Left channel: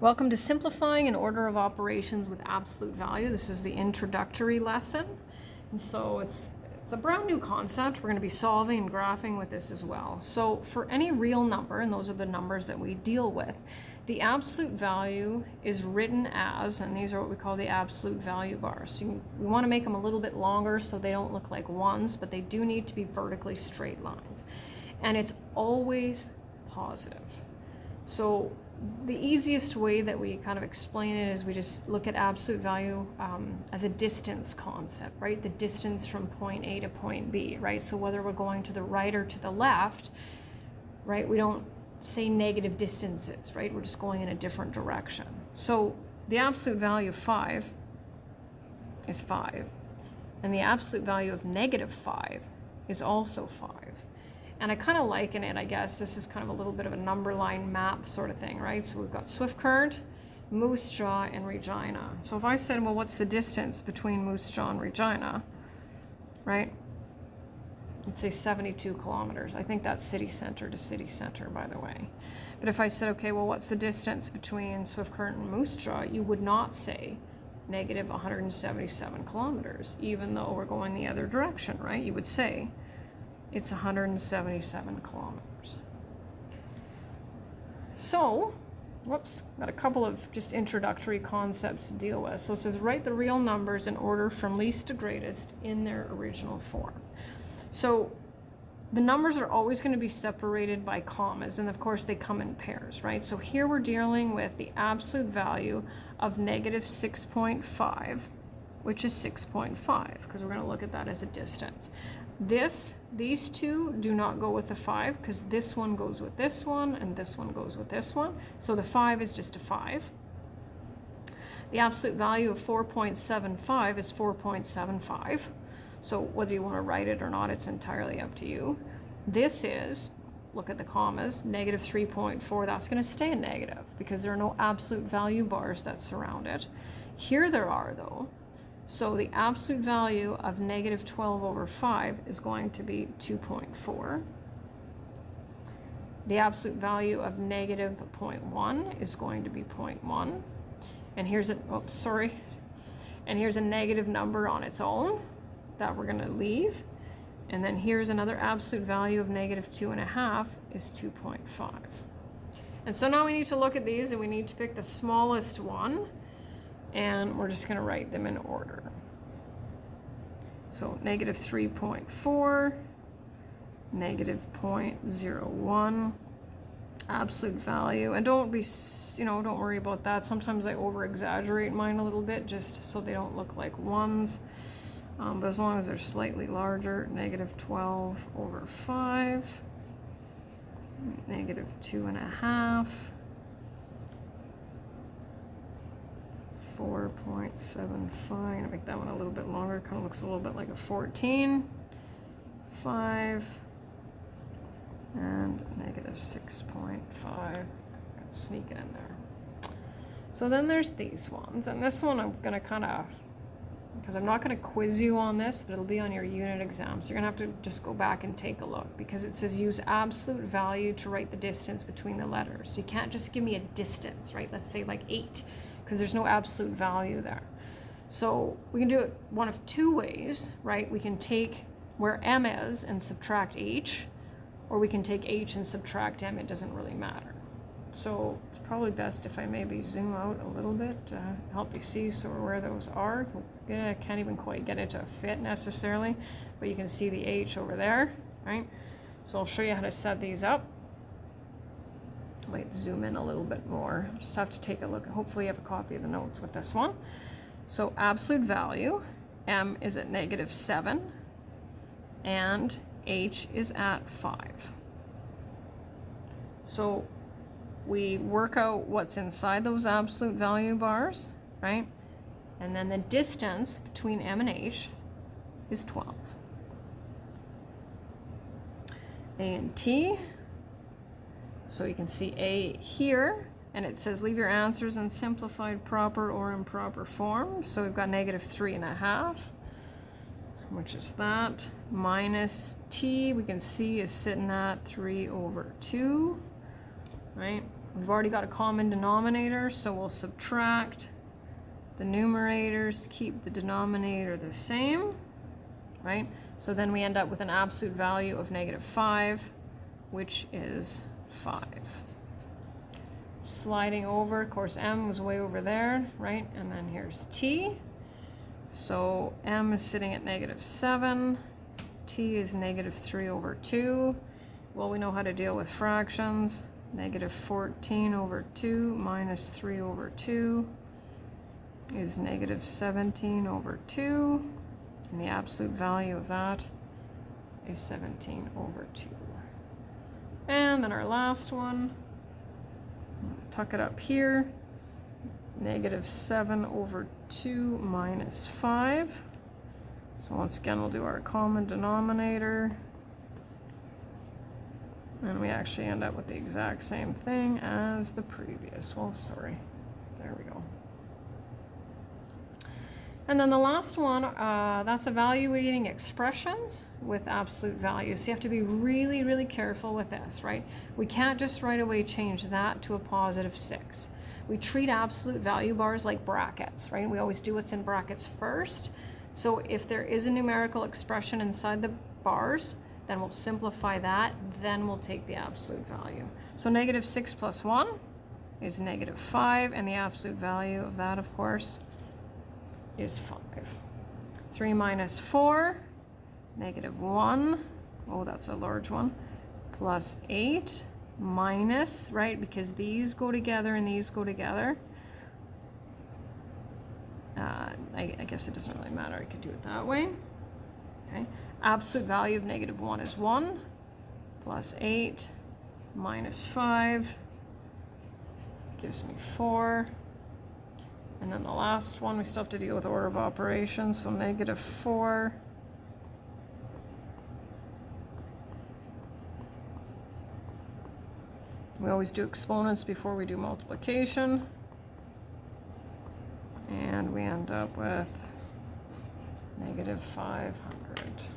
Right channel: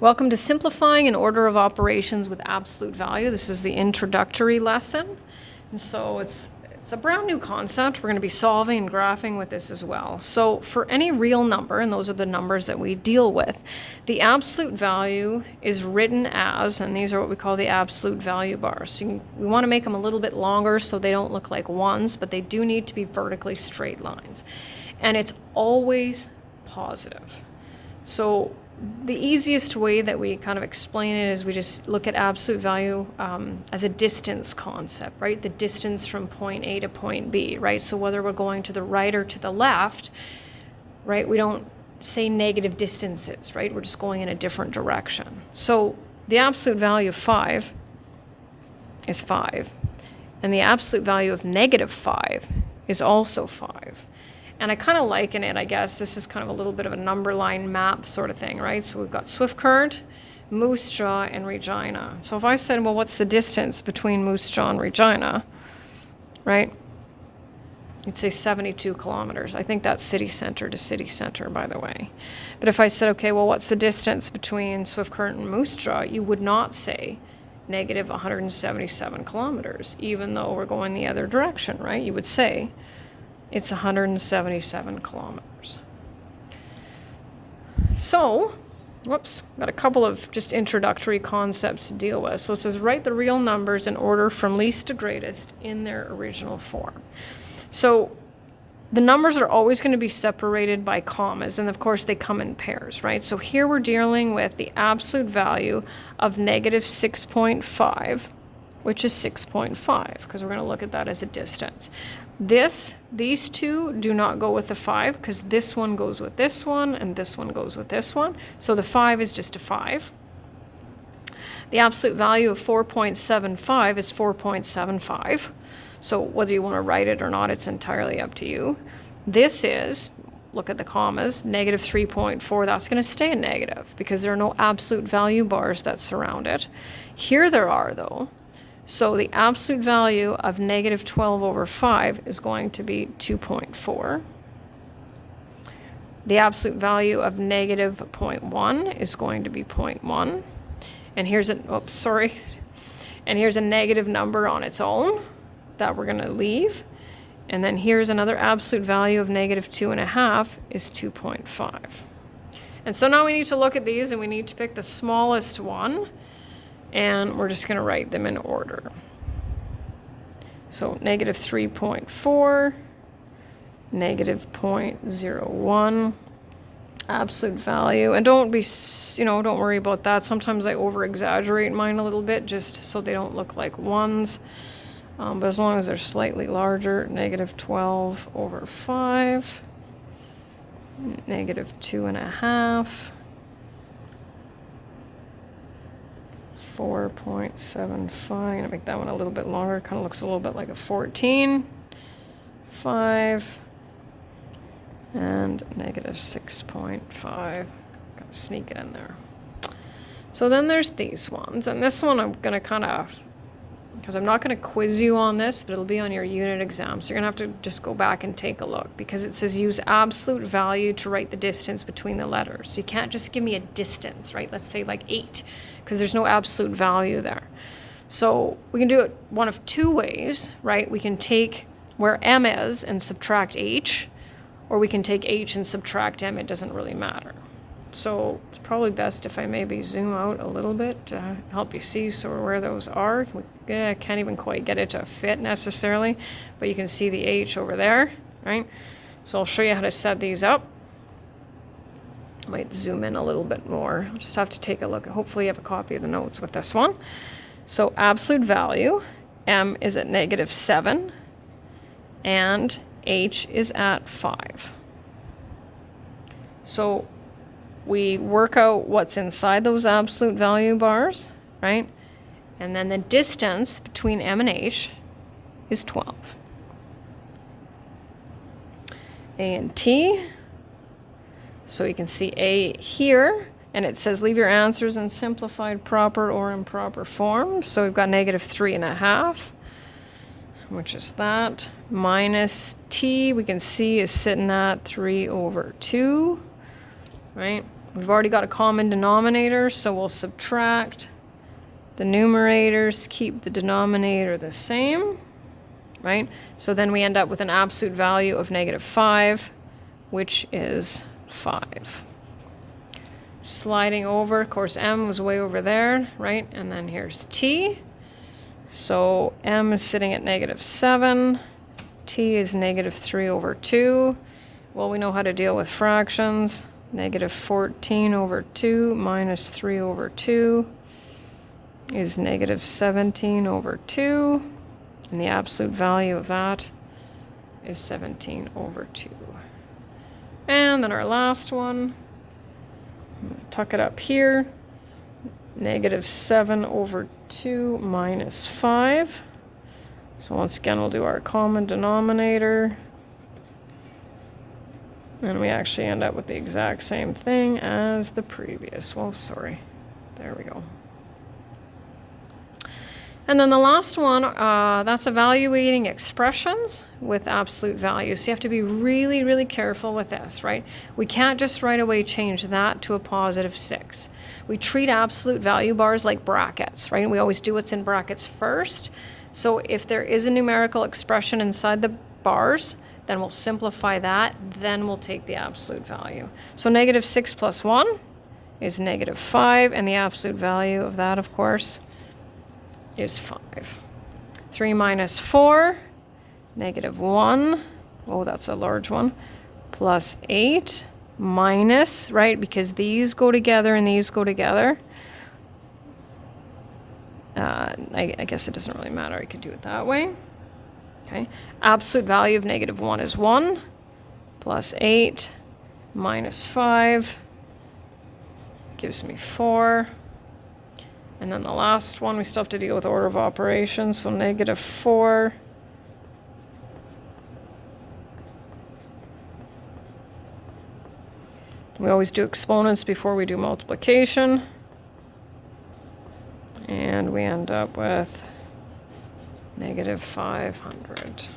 Welcome to Simplifying an Order of Operations with Absolute Value. This is the introductory lesson. And so it's a brand new concept. We're going to be solving and graphing with this as well. So for any real number, and those are the numbers that we deal with, the absolute value is written as, and these are what we call the absolute value bars. So we want to make them a little bit longer so they don't look like ones, but they do need to be vertically straight lines. And it's always positive. So the easiest way that we kind of explain it is we just look at absolute value as a distance concept, right? The distance from point A to point B, right? So whether we're going to the right or to the left, right? We don't say negative distances, right? We're just going in a different direction. So the absolute value of 5 is 5. And the absolute value of negative 5 is also 5. And I kind of liken it, I guess, this is kind of a little bit of a number line map sort of thing, right? So we've got Swift Current, Moose Jaw, and Regina. So if I said, well, what's the distance between Moose Jaw and Regina, right? You'd say 72 kilometers. I think that's city center to city center, by the way. But if I said, okay, well, what's the distance between Swift Current and Moose Jaw? You would not say negative 177 kilometers, even though we're going the other direction, right? You would say it's 177 kilometers. So, whoops, got a couple of just introductory concepts to deal with. So it says write the real numbers in order from least to greatest in their original form. So the numbers are always going to be separated by commas, and of course they come in pairs, right? So here we're dealing with the absolute value of negative 6.5, which is 6.5, because we're going to look at that as a distance. These two do not go with the 5, because this one goes with this one, and this one goes with this one. So the 5 is just a 5. The absolute value of 4.75 is 4.75. So whether you want to write it or not, it's entirely up to you. This is, look at the commas, negative 3.4. That's going to stay a negative, because there are no absolute value bars that surround it. Here there are, though. So the absolute value of negative 12 over 5 is going to be 2.4. The absolute value of negative 0.1 is going to be 0.1. And here's And here's a negative number on its own that we're going to leave. And then here's another absolute value of negative 2.5 is 2.5. And so now we need to look at these, and we need to pick the smallest one. And we're just going to write them in order. So negative 3.4, negative 0.01, absolute value. And don't worry about that. Sometimes I over-exaggerate mine a little bit just so they don't look like ones. But as long as they're slightly larger, negative 12 over 5, negative 2.5. 4.75. I'm going to make that one a little bit longer. Kind of looks a little bit like a 14. 5. And negative 6.5. Sneak it in there. So then there's these ones. And this one I'm going to kind of, because I'm not going to quiz you on this, but it'll be on your unit exam. So you're going to have to just go back and take a look, because it says use absolute value to write the distance between the letters. So you can't just give me a distance, right? Let's say like 8, because there's no absolute value there. So we can do it one of two ways, right? We can take where M is and subtract H, or we can take H and subtract M. It doesn't really matter. So it's probably best if I maybe zoom out a little bit to help you see sort of where those are. I can't even quite get it to fit necessarily, but you can see the H over there, right? So I'll show you how to set these up. I might zoom in a little bit more. I'll just have to take a look. Hopefully you have a copy of the notes with this one. So absolute value, M is at negative 7, and H is at 5. So we work out what's inside those absolute value bars, right? And then the distance between M and H is 12. A and T. So you can see A here, and it says leave your answers in simplified proper or improper form. So we've got negative 3.5, which is that, minus T, we can see is sitting at 3 over 2, right? We've already got a common denominator, so we'll subtract the numerators, keep the denominator the same, right? So then we end up with an absolute value of -5, which is 5. Sliding over, of course, m was way over there, right? And then here's t. So m is sitting at -7. T is -3/2. Well, we know how to deal with fractions. -14/2 minus 3/2 is -17/2. And the absolute value of that is 17/2. And then our last one, tuck it up here, -7/2 minus 5. So once again, we'll do our common denominator. And we actually end up with the exact same thing as the previous. Well, sorry. There we go. And then the last one, that's evaluating expressions with absolute values. So you have to be really, really careful with this, right? We can't just right away change that to a +6. We treat absolute value bars like brackets, right? And we always do what's in brackets first. So if there is a numerical expression inside the bars, then we'll simplify that, then we'll take the absolute value. So -6 plus 1 is -5, and the absolute value of that, of course, is 5. 3 minus 4, -1, oh, that's a large one, plus 8, minus, right, because these go together and these go together. I guess it doesn't really matter, I could do it that way. Okay, absolute value of -1 is 1, plus 8, minus 5, gives me 4. And then the last one, we still have to deal with order of operations, so -4. We always do exponents before we do multiplication. And we end up with -500.